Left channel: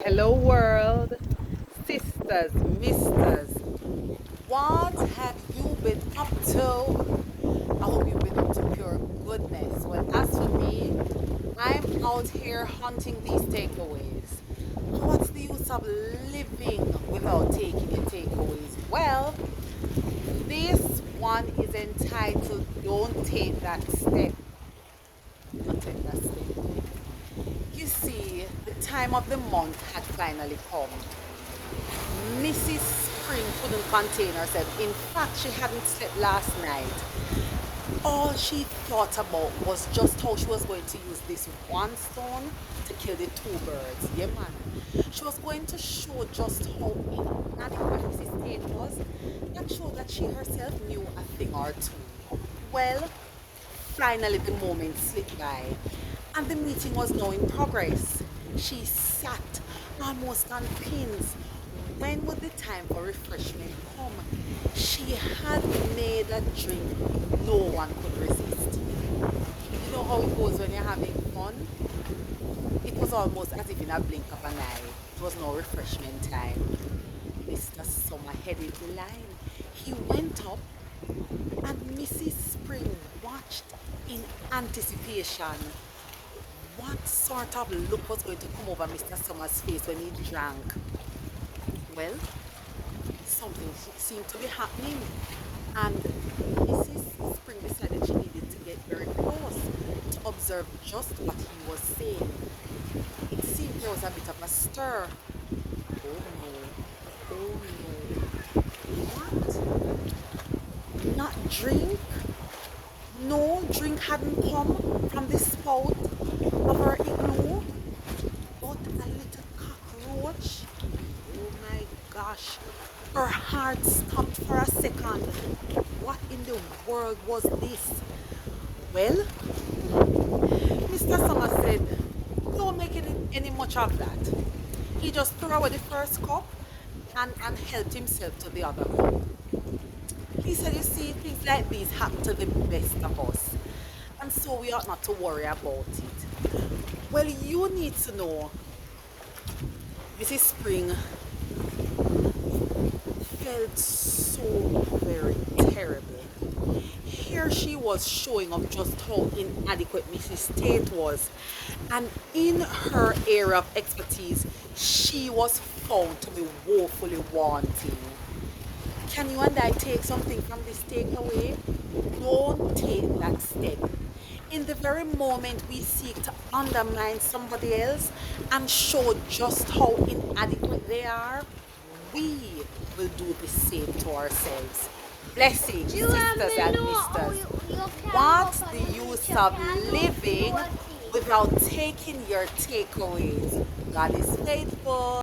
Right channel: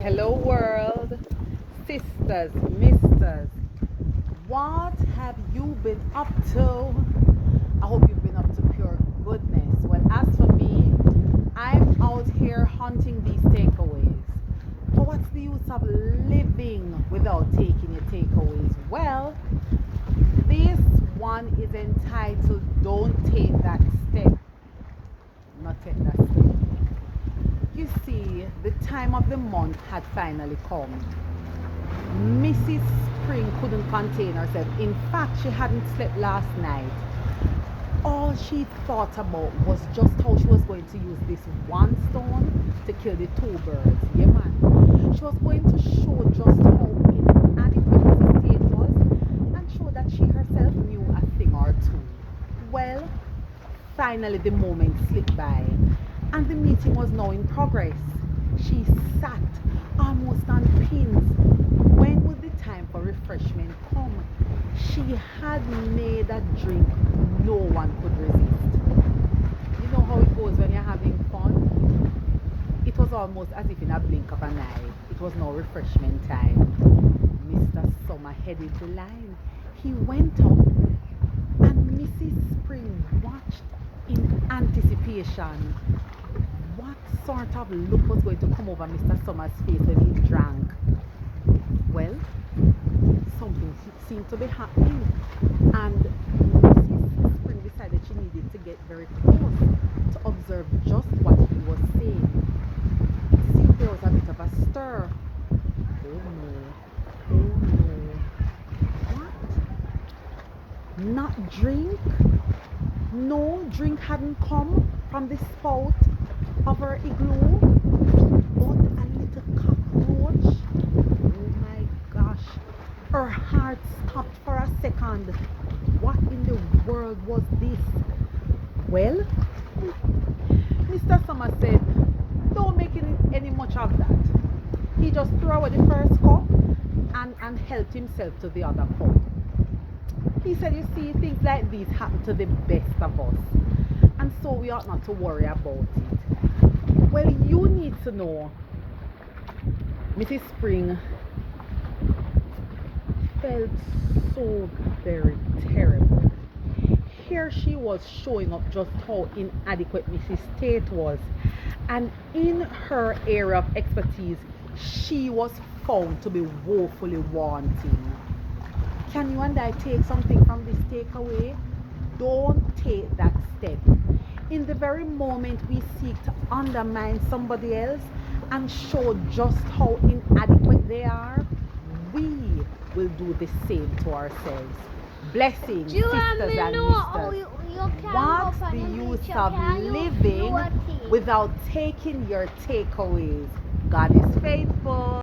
Hello world, sisters, misters, what have you been up to? I hope you've been up to pure goodness. Well, as for me, I'm out here hunting these takeaways. But what's the use of living without taking your takeaways? Well, this one is entitled Don't Take That Step. Not take that step. You see, the time of the month had finally come. Mrs. Spring couldn't contain herself. In fact, she hadn't slept last night. All she thought about was just how she was going to use this one stone to kill the two birds. Yeah, man. She was going to show just how inadequate Mrs. Tate was and show that she herself knew a thing or two. Well, finally the moment slipped by and the meeting was now in progress. She sat almost on pins. When would the time for refreshment come? She had made a drink no one could resist. You know how it goes when you're having fun? It was almost as if in a blink of an eye, it was now refreshment time. Mr. Summer headed the line. He went up and Mrs. Spring watched in anticipation. What sort of look was going to come over Mr. Summer's face when he drank? Well, something seemed to be happening, and Mrs. Spring decided she needed to get very close to observe just what he was saying. It seemed there was a bit of a stir. Oh no, oh no. What? Not drink? No drink hadn't come from the spout of her igloo, but a little cockroach. Oh my gosh. Her heart stopped for a second. What in the world was this? Well, Mr. Summer said, don't make any much of that. He just threw away the first cup and helped himself to the other cup. He said, you see, things like these happen to the best of us. And so we ought not to worry about it. Well, you need to know, Mrs. Spring felt so very terrible. Here she was showing up just how inadequate Mrs. Tate was. And in her area of expertise, she was found to be woefully wanting. Can you and I take something from this takeaway? Don't take that step. In the very moment we seek to undermine somebody else and show just how inadequate they are, we will do the same to ourselves. Blessings, sisters and misters. What's the use of living without taking your takeaways? God is faithful.